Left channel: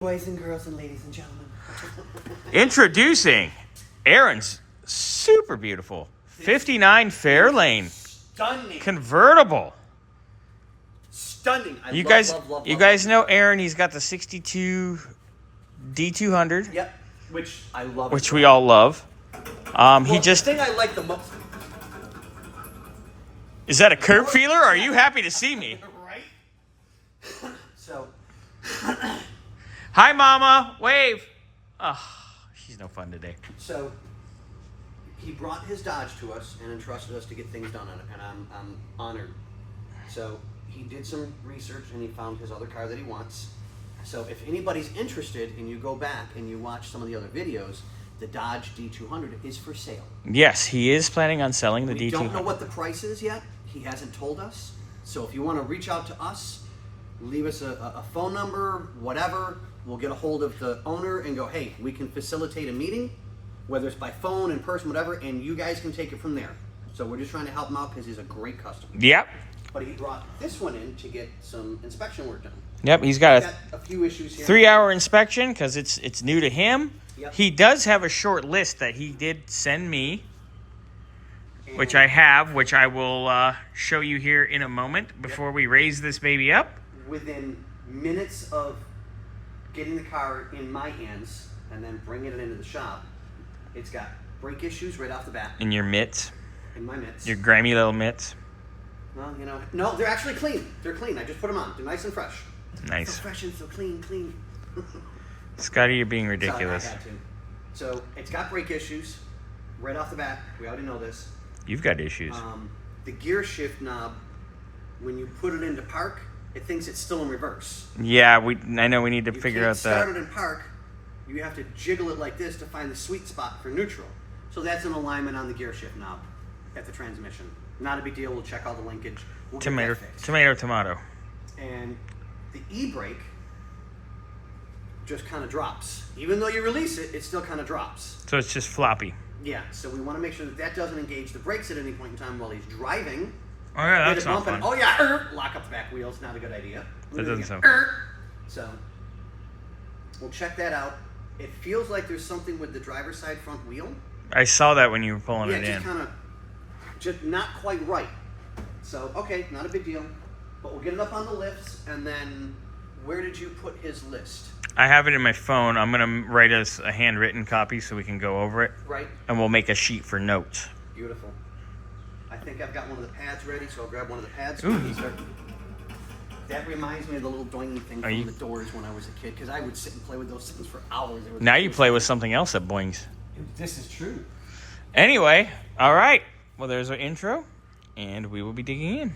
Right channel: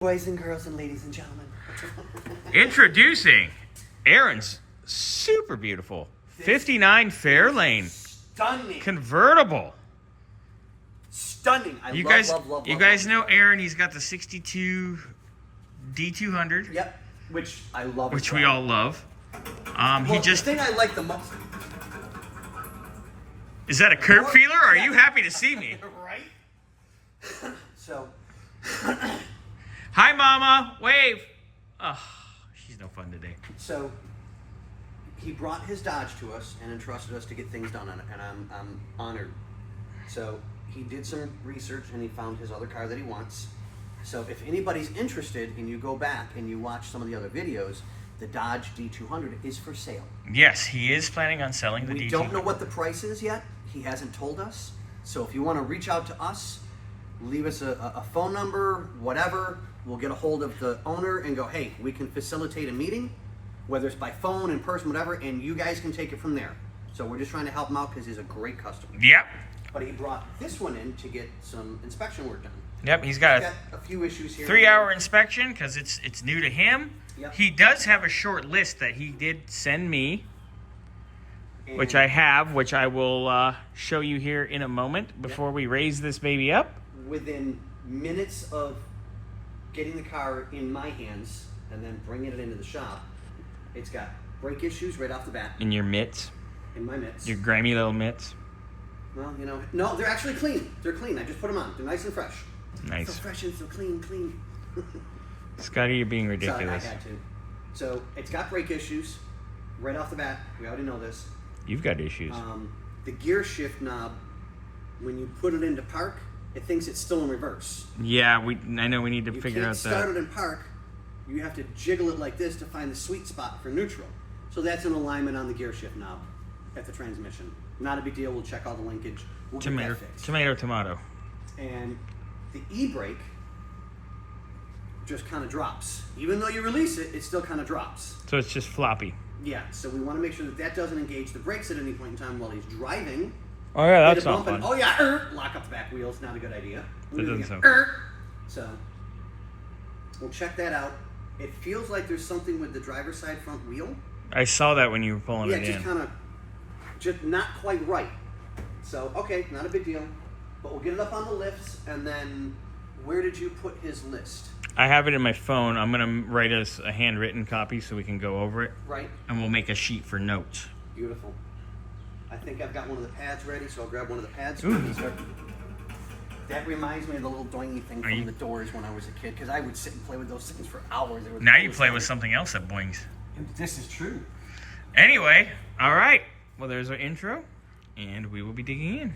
Boys and girls and ladies and gentlemen. Introducing Aaron's super beautiful 59 Fairlane Stunning. convertible. Stunning. You guys know Aaron, he's got the 62 D200. Yep. Which I love. Which we all love. The thing I like the most. Is that a curb feeler? Or are you happy to see me? Right? So. Hi, Mama. Wave. Oh, she's no fun today. So, he brought his Dodge to us and entrusted us to get things done on it, and I'm honored. So, he did some research and he found his other car that he wants. So, if anybody's interested and you go back and you watch some of the other videos, the Dodge D200 is for sale. Yes, he is planning on selling the D200. We don't know what the price is yet. He hasn't told us. So, if you want to reach out to us, leave us a phone number, whatever. We'll get a hold of the owner and go, hey, we can facilitate a meeting, whether it's by phone, in person, whatever, and you guys can take it from there. So we're just trying to help him out because he's a great customer. Yep. But he brought this one in to get some inspection work done. Yep, he's got a few issues here. 3-hour inspection because it's new to him. Yep. He does have a short list that he did send me, And which I have, which I will show you here in a moment before we raise this baby up. within minutes of getting the car in my hands and then bringing it into the shop, it's got brake issues right off the bat. In your mitts. In my mitts. Your grimy little mitts. Well, you know, no, they're actually clean. They're clean. I just put them on. They're nice and fresh. Nice. So fresh and so clean. Scotty, you're being ridiculous. Sorry, I had to. So it's got brake issues right off the bat. We already know this. You've got issues. The gear shift knob, when you put it into park, it thinks it's still in reverse. Yeah, I know we need to You figure can't out start that. it in park. You have to jiggle it like this to find the sweet spot for neutral. So that's an alignment on the gear shift knob at the transmission. Not a big deal. We'll check all the linkage. We'll get that fixed. Tomato. And the e-brake just kind of drops. Even though you release it, it still kind of drops. So it's just floppy. Yeah, so we want to make sure that that doesn't engage the brakes at any point in time while he's driving. Oh yeah, Hit that's a not bump fun. and, oh yeah, lock up the back wheels. Not a good idea. That doesn't sound fun. So we'll check that out. It feels like there's something with the driver's side front wheel. I saw that when you were pulling Yeah, it just in. kind of, just not quite right. So, okay, not a big deal. But we'll get it up on the lifts, and then where did you put his list? I have it in my phone. I'm going to write us a handwritten copy so we can go over it. Right. And we'll make a sheet for notes. Beautiful. I think I've got one of the pads ready, so I'll grab one of the pads. Ooh. That reminds me of the little doingy thing from the doors when I was a kid, because I would sit and play with those things for hours. Now you play with something else that boings. This is true. Anyway, all right. Well, there's our intro, and we will be digging in.